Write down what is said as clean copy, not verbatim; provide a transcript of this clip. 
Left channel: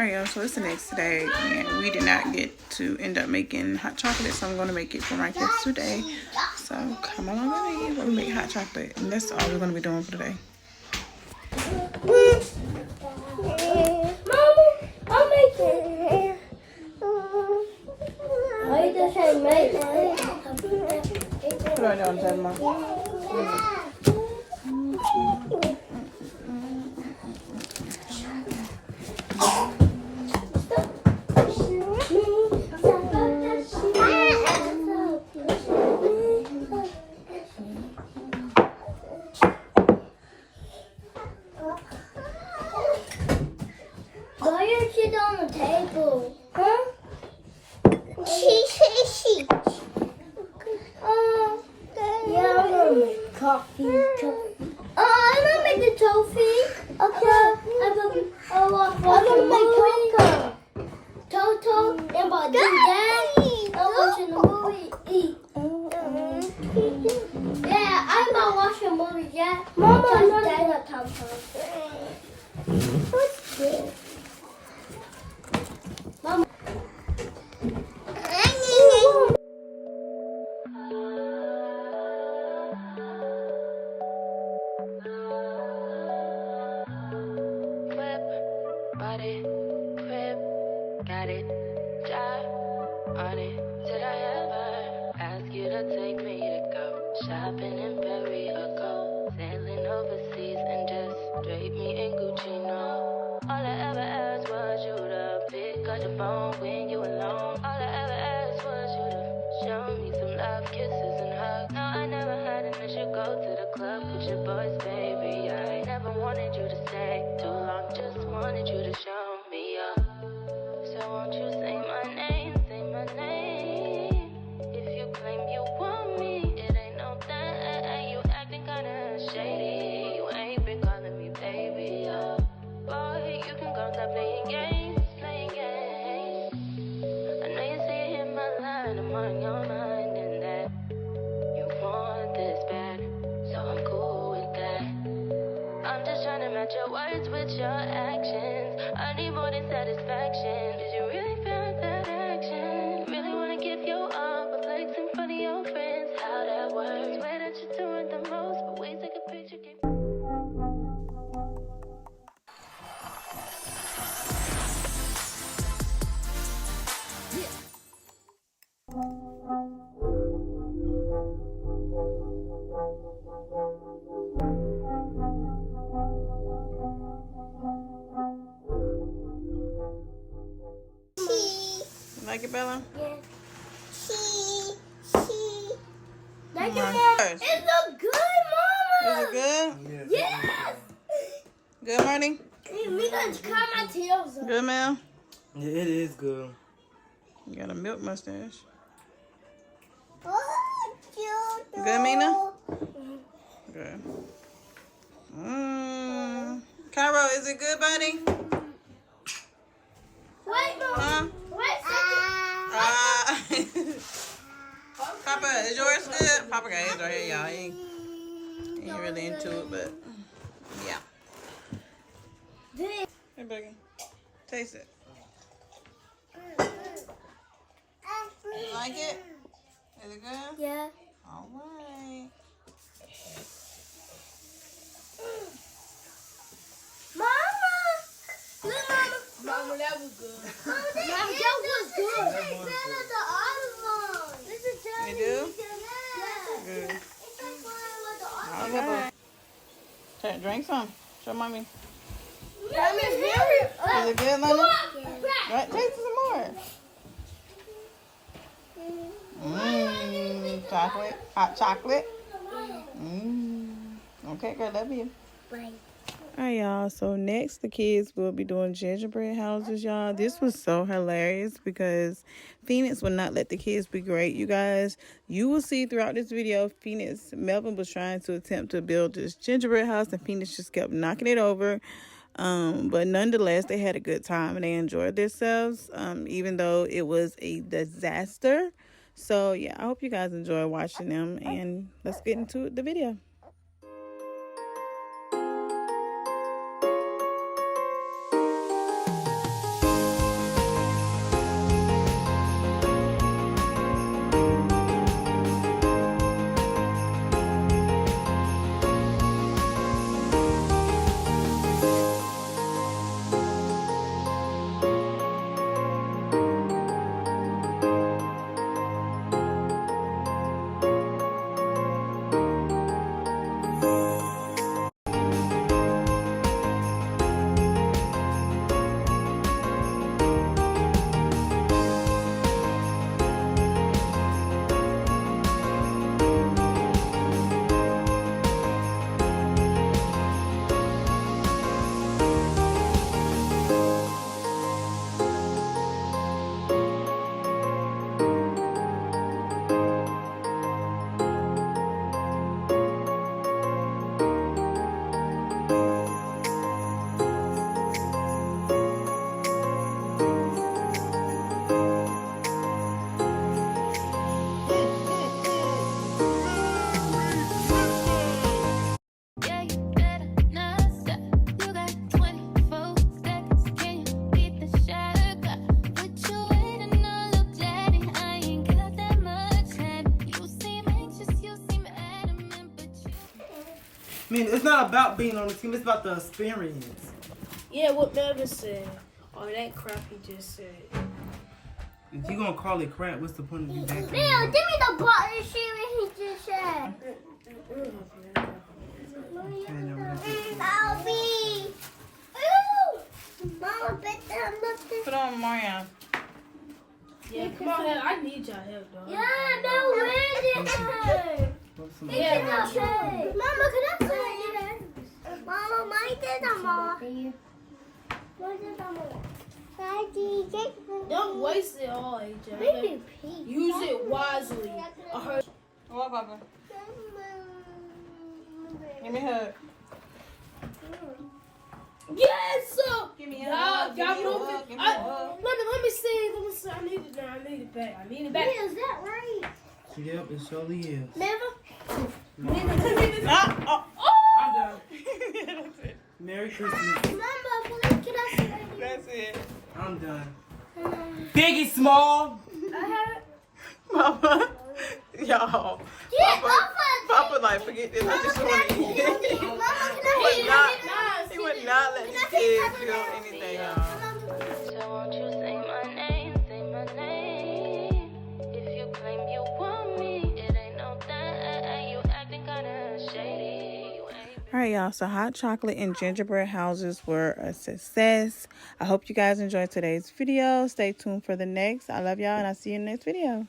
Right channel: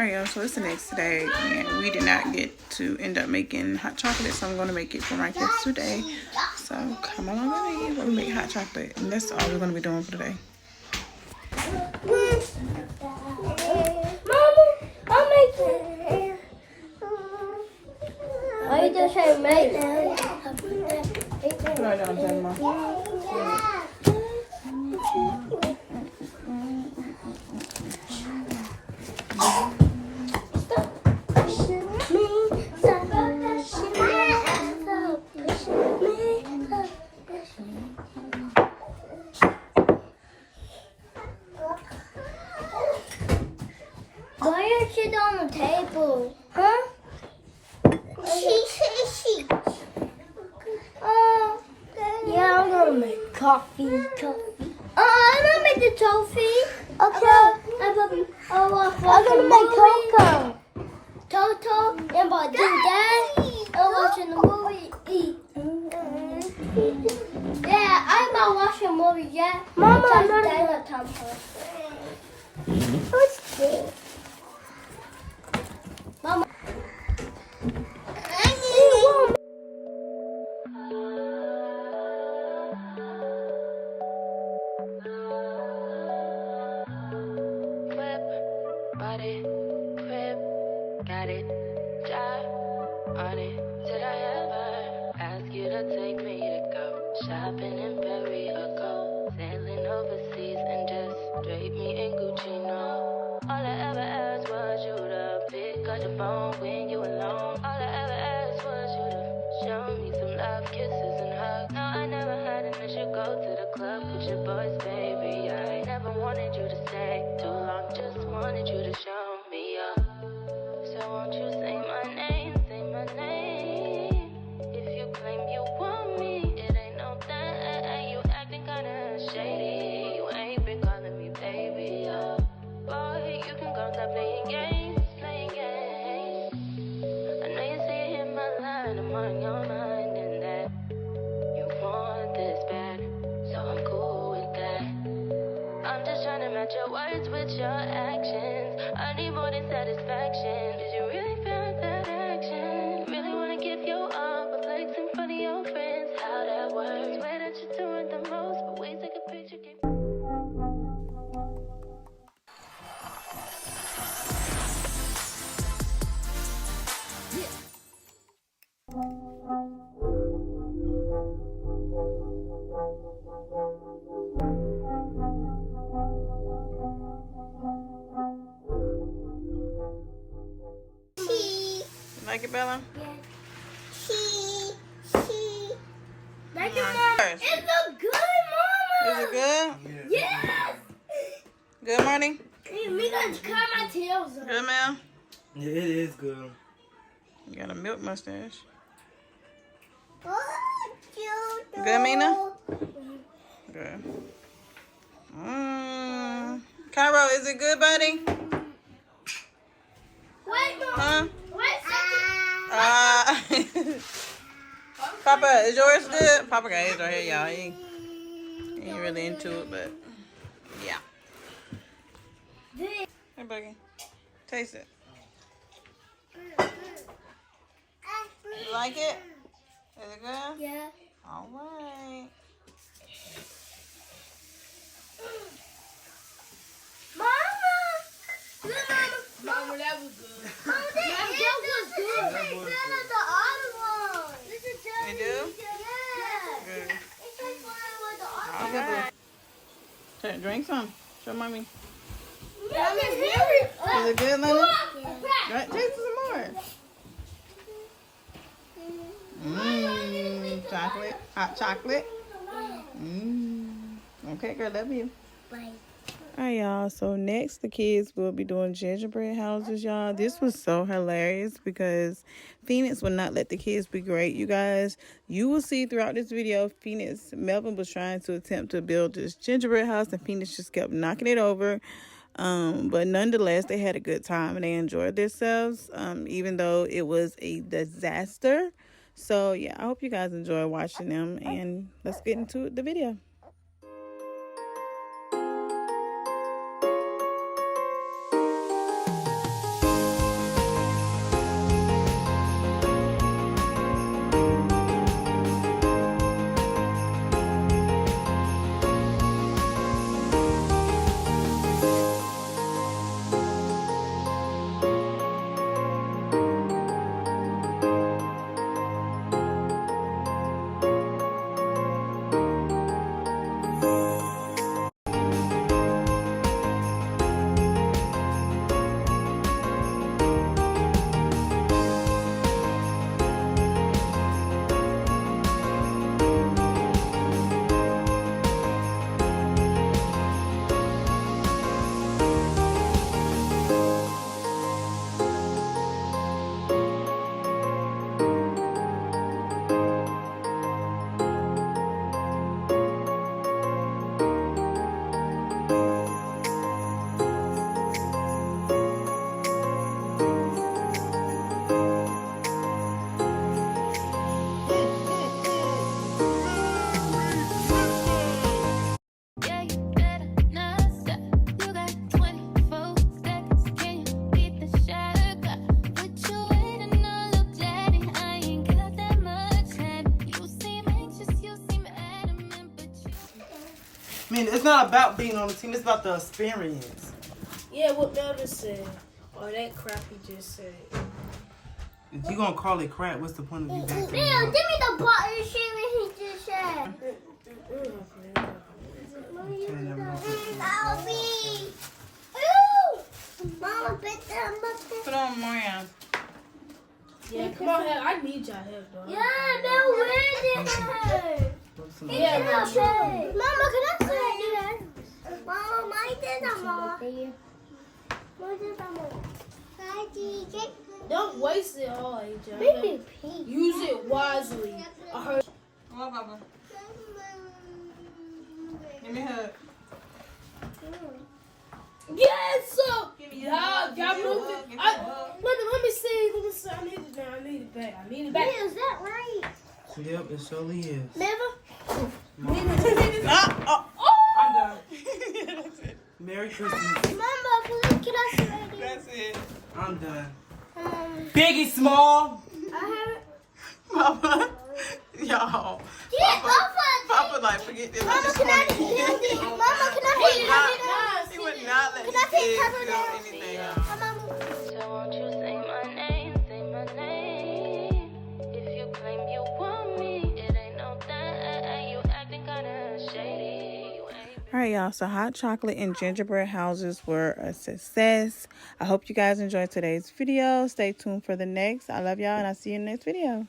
Alright, y'all, so it's the next day, and we did not get to end up making hot chocolate, so I'm going to make it for my kids today. So come along with me while we make hot chocolate, and that's all we're going to be doing for today. Put it down, Grandma. Why didn't you do on the table? Huh? She. Yeah, I'm gonna make coffee. I'm gonna make the toffee. Okay. I'm gonna make cocoa. Toto, and by do that, I'm watching a movie. Yeah, I'm not watching a movie yet. Mama, I'm not gonna talk. What's this? Mama. Body, crib, got it, job on it. Did I ever ask you to take me to go shopping in Paris or go sailing overseas and just drape me in Gucci? No, all I ever asked was you to pick up the phone when you alone. All I ever asked was you to show me some love, kisses and hugs. No, I never had an issue. Go to the club with your boys, baby. I never wanted you to stay too long. Just wanted you to show me up. So won't you say my name, say my name? If you claim you want me, it ain't no thing. You acting kinda shady. You ain't been calling me baby. Boy, you can go stop playing games, playing games. I know you see it in my line, I'm on your mind, and that you want this bad, so I'm cool with that. I'm just trying to match your words with your actions. I need more than satisfaction. Did you really feel that action? Really wanna give you all, but flex in front of your friends. How that works? Swear that you're doing the most, but we take a picture. Like it, Bella? Yeah. She. Like it, Mama. It look good, Mama. Is it good? Yes. Good, Marty? Me gonna cut my tails off. Good, Mel? Yeah, it is good. You got a milk mustache. Good, Good, Mina? Good. Cairo, is it good, buddy? Wait, Mama. Huh? Wait. Papa, is yours good? Papa got his right here, y'all. He ain't really into it, but yeah. Hey, Boogie. Taste it. You like it? Is it good? Yeah. All right. Mama, that was good. Mama, that was good. That was good. The other one. This is just. You do? Yeah. Good. It's like the All other one. right. Here, drink some. Show mommy. Is it Is it good, Lena? Right, taste some more. Chocolate. Hot chocolate. Okay, girl, love you. Bye. Alright, y'all, so next the kids will be doing gingerbread houses, y'all. This was so hilarious because Phoenix would not let the kids be great, you guys. You will see throughout this video, Melvin was trying to attempt to build this gingerbread house and Phoenix just kept knocking it over. But nonetheless, they had a good time and they enjoyed themselves, even though it was a disaster. So yeah, I hope you guys enjoy watching them, and let's get into the video. team. It's not about being on the team. It's about the experience. Yeah, what Melvin said. Or that crap he just said. If you gonna call it crap, what's the point of you back? Leo, give me the button shit he just said. Alfie. Ooh. Mama, bet that much. Put on Marianne. Yeah, come on, help. I need y'all help, dog. Yeah, no, where did it? Yeah, Mama, can I say it? Mama, my dad, Mama. Don't waste it all, AJ. Maybe pink. Use it wisely. I heard. Come on, Papa. Give me a hug. Yes, sir. Give me a Y'all hug. move it. Give me a Let hug. me see. I need it now. I need it back. I need it back. Is that right? Yep, it surely is. Never. Ah, oh. I'm done. That's it. Merry Christmas. Mama, please, can I say it? That's it. I'm done. Biggie Small. I heard. Mama. Y'all. Yeah, Papa, like, forget this. I just want to eat. Mama, can I He would not let his kids feel anything out. So won't you say my name, say my name? If you claim you want me, it ain't no that. You acting kinda shady. You ain't. All right, y'all. So hot chocolate and gingerbread houses were a success. I hope you guys enjoyed today's video. Stay tuned for the next. I love y'all, and I'll see you in the next video.